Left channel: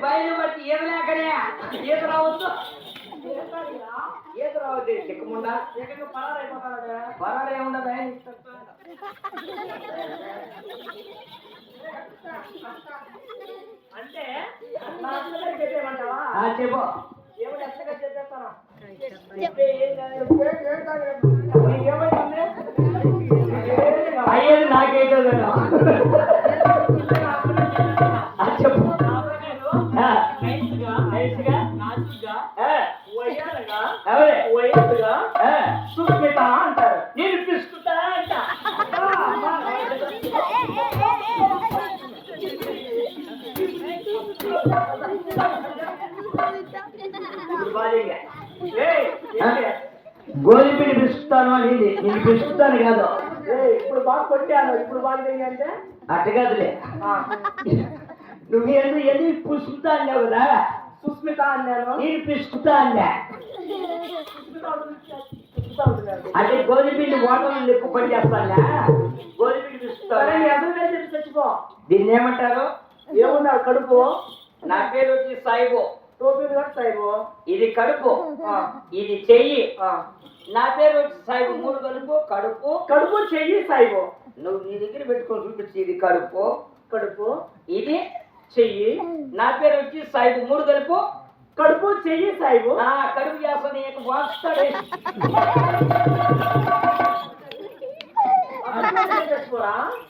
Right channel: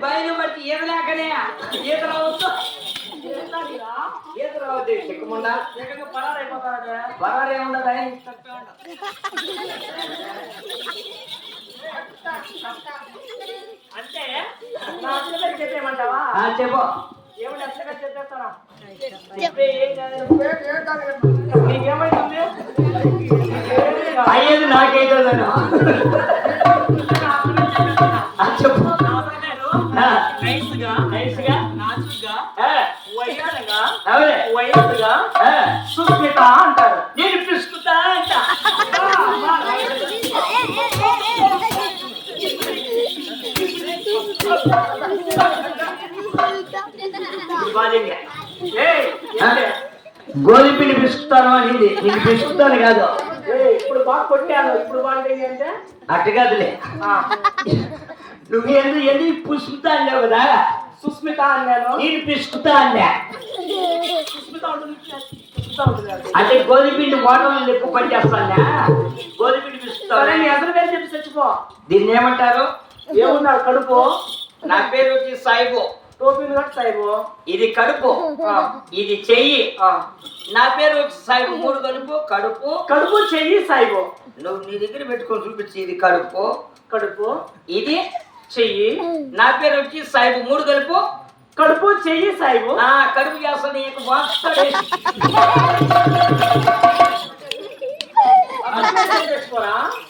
బయలు బట్టి ఈదలేకనే ఈత రావచ్చు ఈత రావద్దు చిక్కముండా పరారేముండదా అంటే చెప్పేమంటావా చెప్పు ఏమైనా ఎట్లా చెప్పేస్తారా నీకేమైతుంది అయ్యేది నాకైతే చెప్పు నైస్గా నాచుగా వయ్యారగా అవే వయ్యారుగా సుస్మిత అంటారు నేను పిసుకుతా అంట గోధుమ పిండి పిసుకుతాను అని నేను పిసుకుతాను కాదు ఇప్పుడు బాగా కొట్టాను ఇప్పుడు బాగుంది అంటే అట్ట కాదులే నువ్వు ఏంది పుసుకుతా అన్నావు కదా సుస్మిత అన్నాను నేను పిసుకుతా అన్నా సుస్మిత అంటే గోధుమ పిండి వాటర్లు ఎక్కువ పని చేస్తానా గోధుమ పిండి పిసుకుతాను ఎదురు పేరు చెప్పి చచ్చిపో దీన్ని ఏమంటారు ఏమున్నారు కడుపు నా పేరు వచ్చి సాయిబు టోపీలు కట్టి సాయిబు ఇది కడుపు ఇది చెయ్యి నా పేరు వచ్చి సాయిబు మూడు కడుపు కడుపు కడుపు చెయ్యి సాయిబు నువ్వు నీ దగ్గర పెట్టుకొని చూపించి ఇది కడుపు కడుపు ఇది చెయ్యి నా పేరు వచ్చి సాయిబు మూడు కడుపు కడుపు చెయ్యి సాయిబు నా కడుపు చేస్తా నీకు వాస్తాడే తెచ్చుకోరా